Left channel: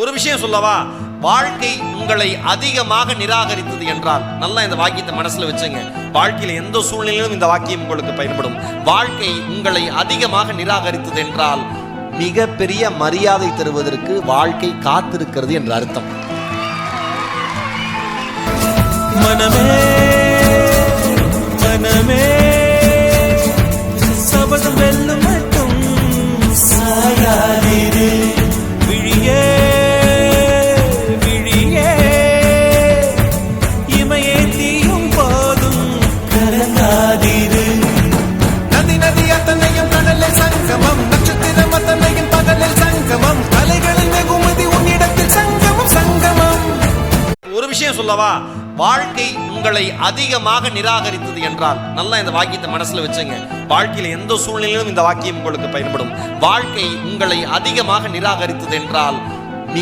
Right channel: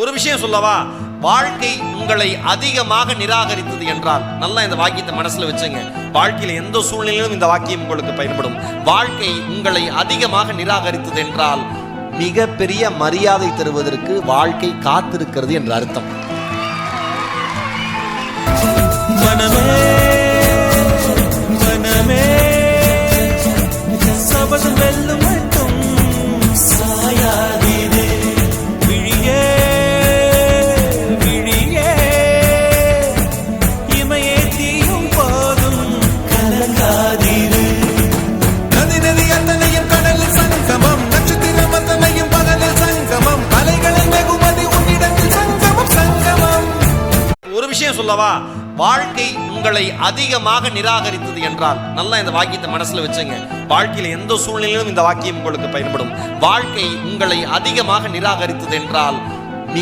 ஒரு விஷயம் சொல்லவா, வாழ்க்கை உங்களை அதிகமாக நிராகரித்தது என்றால், நல்லா இந்த வாக்கியத்தை மனசுல வச்சுங்க. வாழ்க்கையில எந்த சூழ்நிலையிலும் இந்த வாக்கியம் உங்களுக்கு பயன்படும். வாழ்க்கை உங்களை அதிகமாக நிராகரித்தது என்றால் மிகப்பெரிய மரியாதை தருவதற்கு வாழ்க்கை காத்திருக்கிறது என்ற அர்த்தம். மனமே மனமே சபதம் வெல்லும் மட்டும் சாயாதீரே, விழியே விழியே இமையே தீயும் போதும் கலங்காதீரே. நதி நதி அத்தனையும் கடலில் சங்கமம், நட்சத்திரம் அத்தனையும் பகலில் சங்கமம், அலைகளின் வெகுமதி உன்னிடத்தில் சங்கமம் சங்கமம். ஒரு விஷயம் சொல்லவா, வாழ்க்கை உங்களை அதிகமாக நிராகரித்தது என்றால், நல்லா இந்த வாக்கியத்தை மனசுல வச்சுங்க. வாழ்க்கையில எந்த சூழ்நிலையிலும் இந்த வாக்கியம் உங்களுக்கு பயன்படும். வாழ்க்கை உங்களை அதிகமாக நிராகரித்தது என்றால்